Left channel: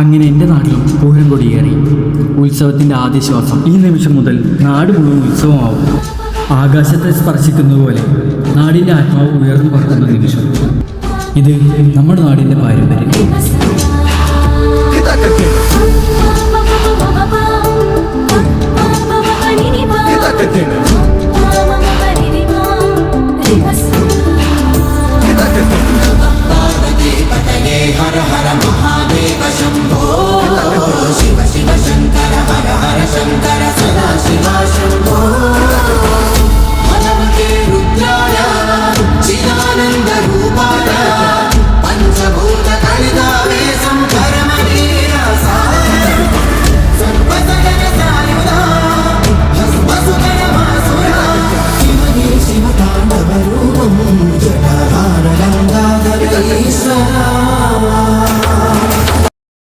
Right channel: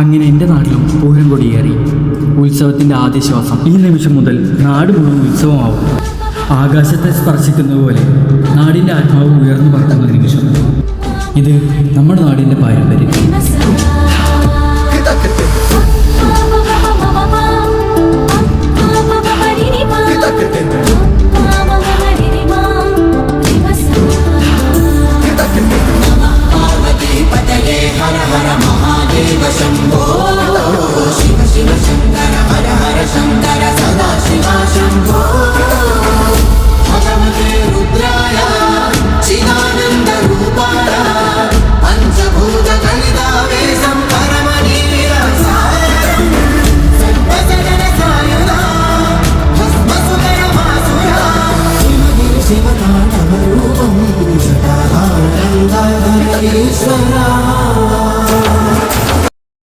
അങ്ങനെ എൻ്റെ നാട്ടിലും പൂരം കൊടിയേറി. ഉത്സവത്തിൻ്റെ ആദ്യ ശ്വാസം. ഈ നിമിഷം മുതൽ നാട് മുഴുവൻ ഉത്സവമാവും. ആകാശത്തെ സ്പർശിക്കുന്നത് പോലെ നാടിൻ്റെ ആത്മാവ് ഉയർന്നു പറക്കുന്ന നിമിഷം. ഇത് നമ്മുടെ നാടിൻ്റെ പാരമ്പര്യം. శివ శంకర హర హర శంకర సదా శివ శంభో